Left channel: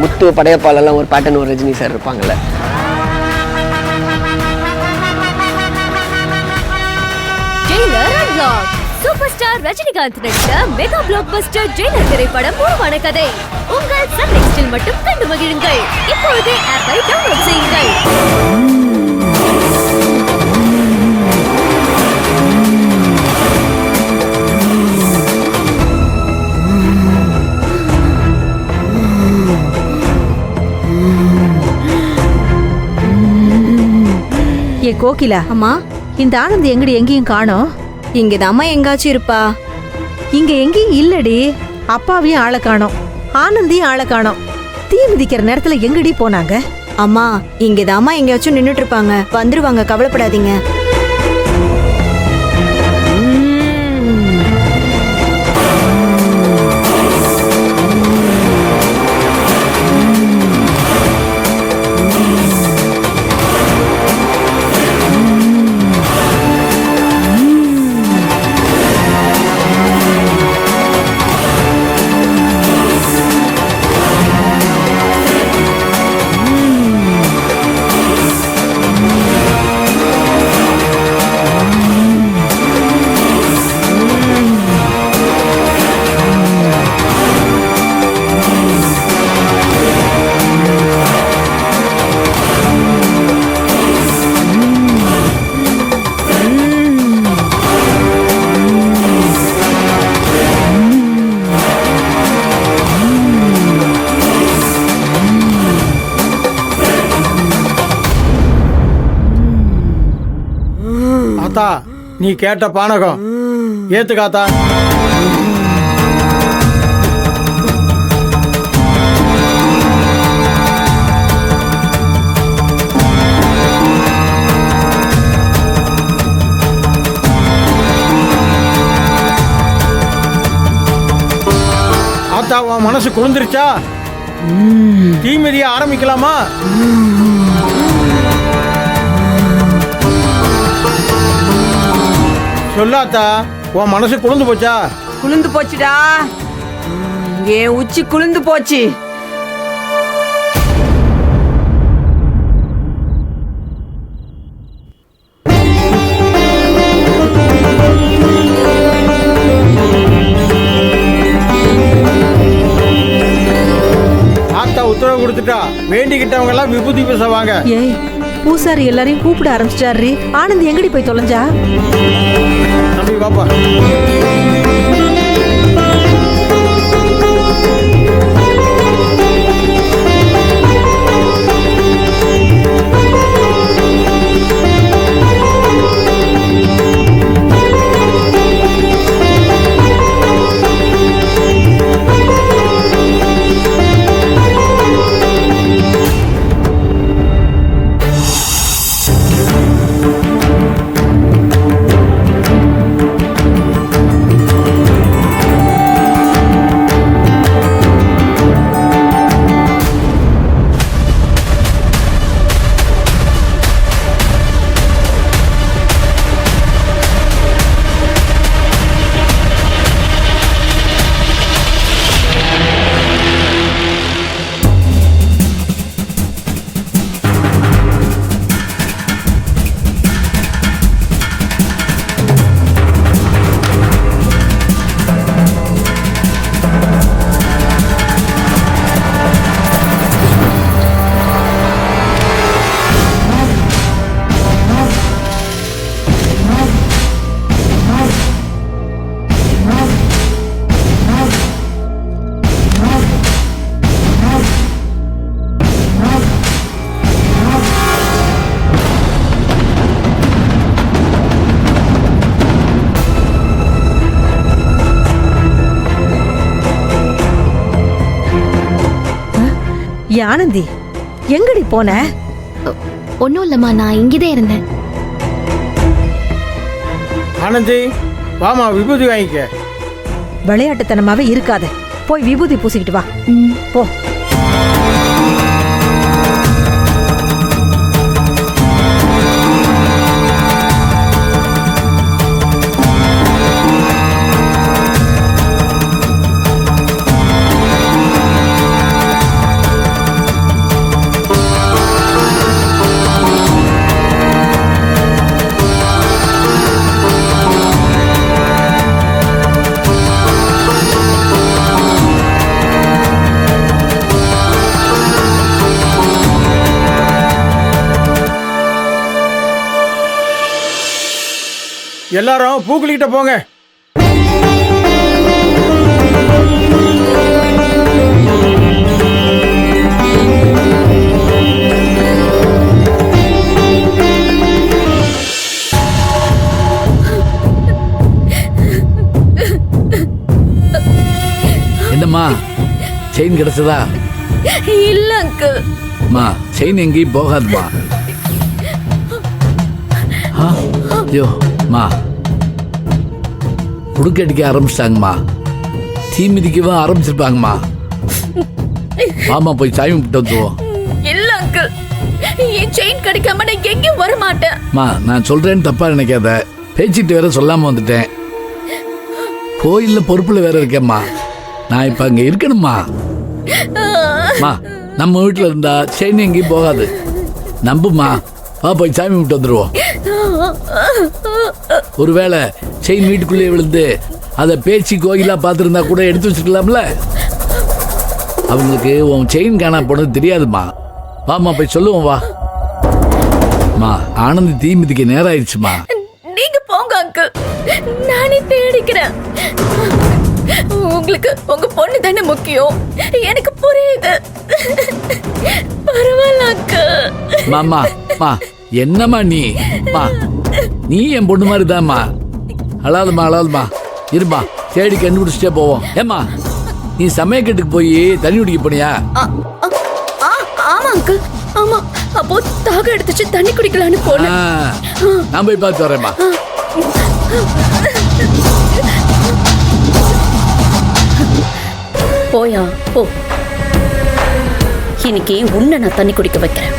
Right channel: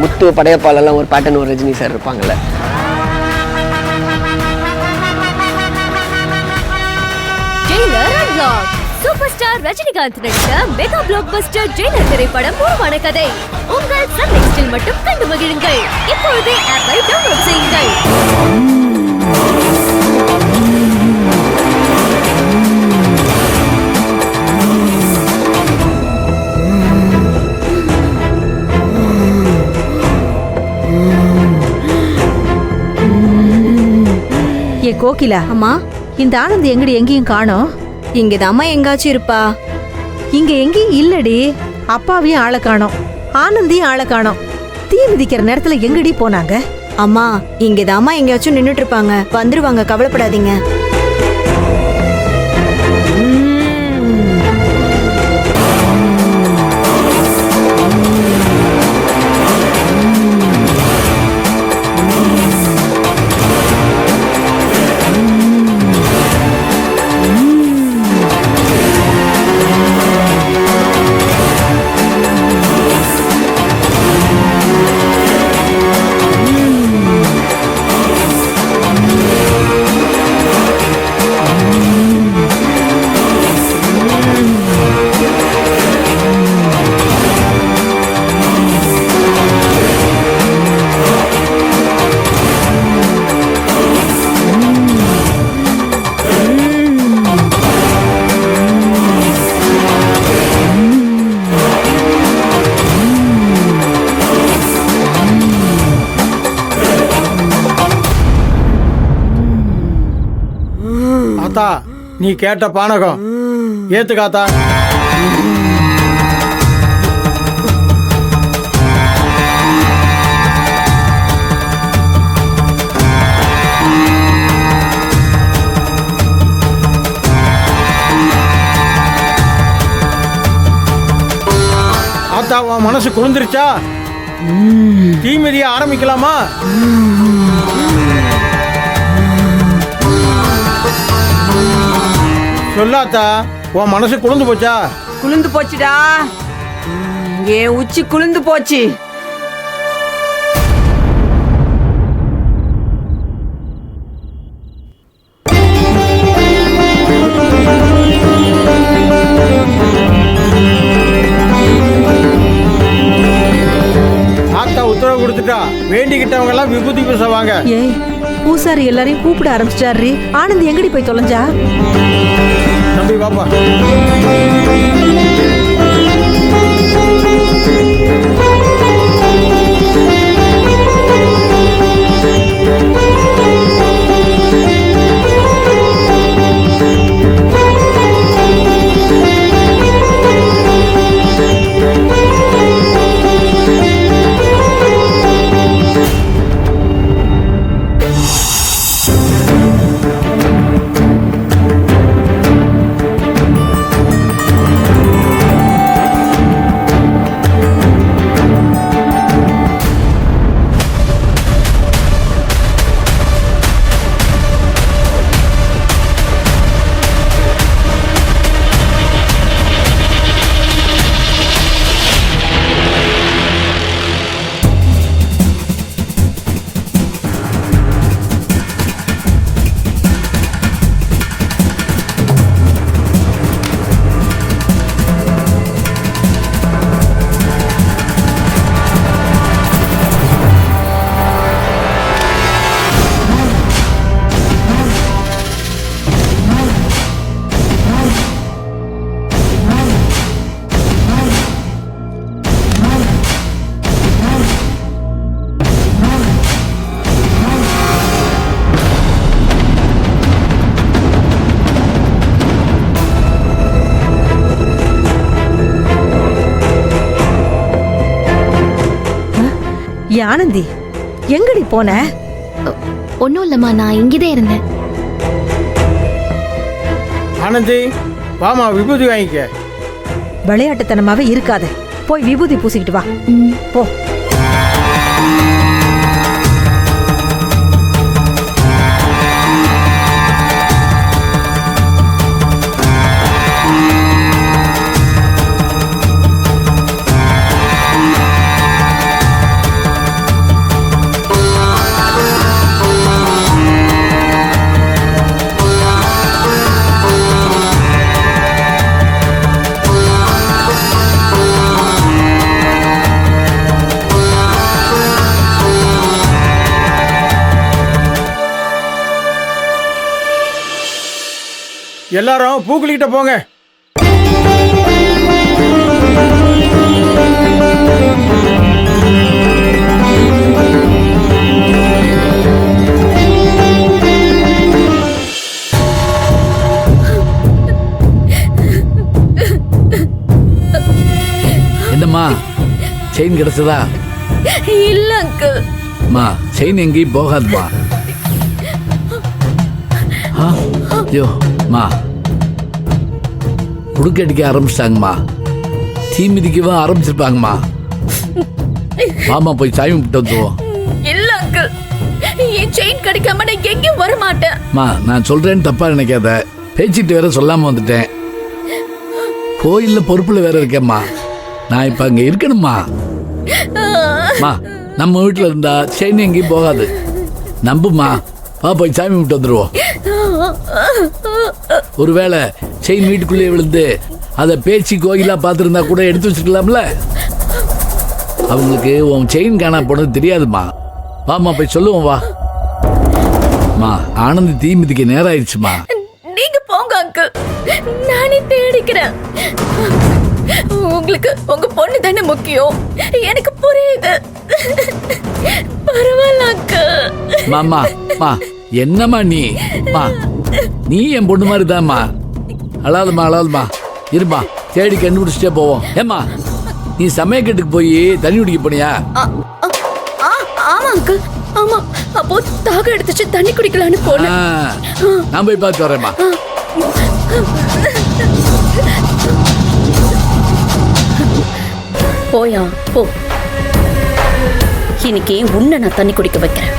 முத்து படையப்பாலெல்லாம் ஒரு பேட்டர்ன் ஒரு ரஜினி சார் இருப்பாங்கல்ல. சூப்பர் ஸ்டார் ரஜினிகாந்த் நடித்த மெகா பிளாக் பஸ்டர் ஜெயிலர் திரைப்படம் உருவான கதை உங்கள் சன் நெக்ஸ்டில் மட்டும் கண்டு மகிழுங்கள். இப்பொழுதே ஆப்பை டவுன்லோட் செய்யுங்கள். ஏ கோகிலா, அம்மா, இந்த ஆனந்த் எங்கடி எங்கேயும் காணோம்? இங்கதாம்மா எங்காச்சும் இருப்பா. இங்க எங்கேயும் இல்லடி. அப்பாவையும் ஆளை காணோம், ஆனந்தியும் ஆளை காணோம். தீ மிதிக்கிற நேரத்துல எங்கடி போனாங்க? அம்மா, இங்கதாம்மா எங்கேயாச்சும் நின்னுட்டு இருப்பாங்க. வந்துருவாங்க, கவலைப்படாதீங்க. ஆத்தா, நீ கேட்ட பானகம் ஏத்துக்காத்தா. ஆத்தா, உன் மனசு குளிர்ந்துருச்சா? தீமிதிய ஆரம்பிக்கலாமா? சொல்லாத்தா, உன் மனசு குளிர்ந்து போச்சா? குளிர்ந்து போச்சுடா, என் உச்சி குளிர்ந்து போச்சு. ஆத்தா உத்தரவு கொடுத்துட்டா, வேண்டிக்கிட்டவங்க எல்லாம் விபூதி பேசுவாங்க. ஏய், பூசாரி எல்லாரையும் கூப்பிட ஆரம்பிச்சிட்டாரு. ஆனந்த் எங்கடி போய் தொலைஞ்சா? தம்பி பாப்பா. ஆனந்தி, எங்கடி போன? ஒன்னும் இல்லம்மா, நான் இங்கதான் இருந்தேன். ஆனந்தி, வாமா விபூதி வாங்கிக்க. விளையாட்டுத்தனமாவே இருக்காத, போய் விபூதி பூசிக்கிட்டு வா. போ. எல்லாரும் பூக்குளிக்கிட்ட போங்க. என்னம்மா செயின் கிடைச்சதா? இல்ல அங்கிள். மா செயின் எங்கேயும் போகாதுமா. ஐயோ மா உடுக்கடிக்க ஆரம்பிச்சிட்டாங்கம்மா. தீ மிதிக்கவும் ஆரம்பிச்சிருப்பாங்கம்மா. மாமா போய் சாமி விட்டு வந்துருவோம். இல்ல அங்கிள், என் செயின் கிடைக்காம நான் எங்கேயும் வர மாட்டேன். மா நான் சொல்றேன்னு தப்பா நினைக்காத. பேச்சிட்டு வேற சொல்லாம வந்துட்டேன். கோயில்ல பொறுப்புல வேற இருக்கேம்மா. நான் இப்ப அங்க இருக்கணும்மா. மா நம்ம வீட்டுல இருந்தா செயின் எங்கேயும் போகாது. நம்புமா, வா போய் சாமி விட்டு வந்துருவோம். ஒருவேளை செயின் வீட்டுக்குள்ளே விழுந்து அதை பேச்சு கோயிலா பார்த்துருந்தா கூட எடுத்து வச்சுக்கலாம்ல. அவங்களுக்கு உன் செயின் காணா போனது தெரியாதுமா. வாமா போய் சொல்லுவோம் வா. மா ஆனந்தி தீ மிதிக்க நேரம் ஆயிடுச்சுமா. நீங்க போங்க அங்கிள், நானே தேடிக்கிறேன். உங்களுக்கு உங்க பொண்ணு தானே முக்கியம். எனக்கு புரியுது. பரவாயில்ல அங்கிள். மாமா மா என்னம்மா நீ என் பொண்ணு மாதிரி தான்மா. அழாதுமா இருமா, தேடி கண்டுபிடிச்சிட்டே போவோம். ஏம்மா நீ சமயக்கட்டுக்கு போய் தண்ணி குடிக்க போனியா? ஆமா அங்கிள், ஆமா. அப்போ தாக எடுத்துச்சு தண்ணி குடிக்கலான்னு போனேன். நான் போய் பார்த்து வரேம்மா. போயா போ. இன்னைக்கு உன்னை நான் தண்ணி குடிக்க வைக்கிறேன்.